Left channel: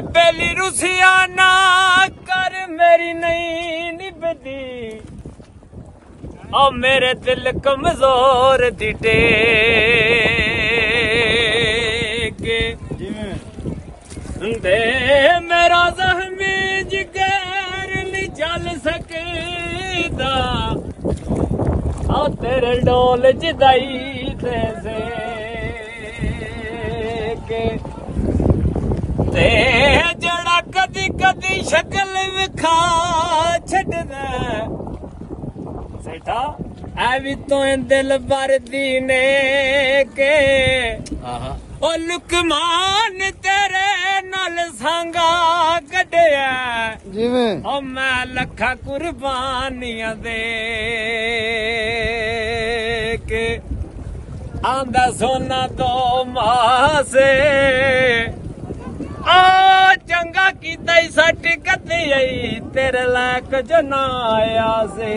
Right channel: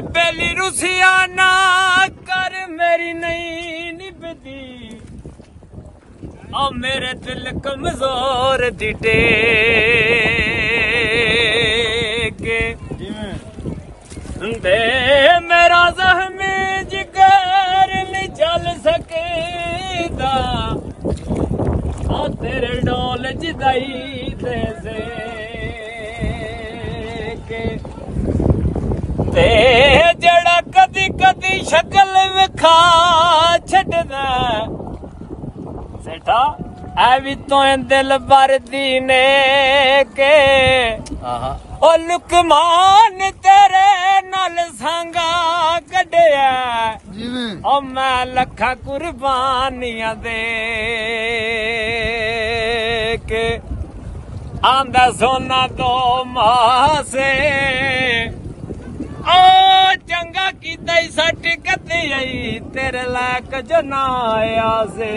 बेली रुसिया ना कर मेरी नहीं निभदी और मेरे दिल कमजोर दिटे दे मेरा ज़ख्मी जिगर नहीं चल सकेदा और तेरे डोल जिदाई दे ते जड़ा कदी कदी शक्ल विखा छड्डदा सेठा ऐ भी तो दिल भरदी ने के ओ लुकमान तेरे नाल सांगा कढ़िया जिवें ओ मैं लखा कुर्बानियां दे के आंदा सोना तो मासे ओ चंगा कीता सट कती आई तेरे लायक जो ना आया से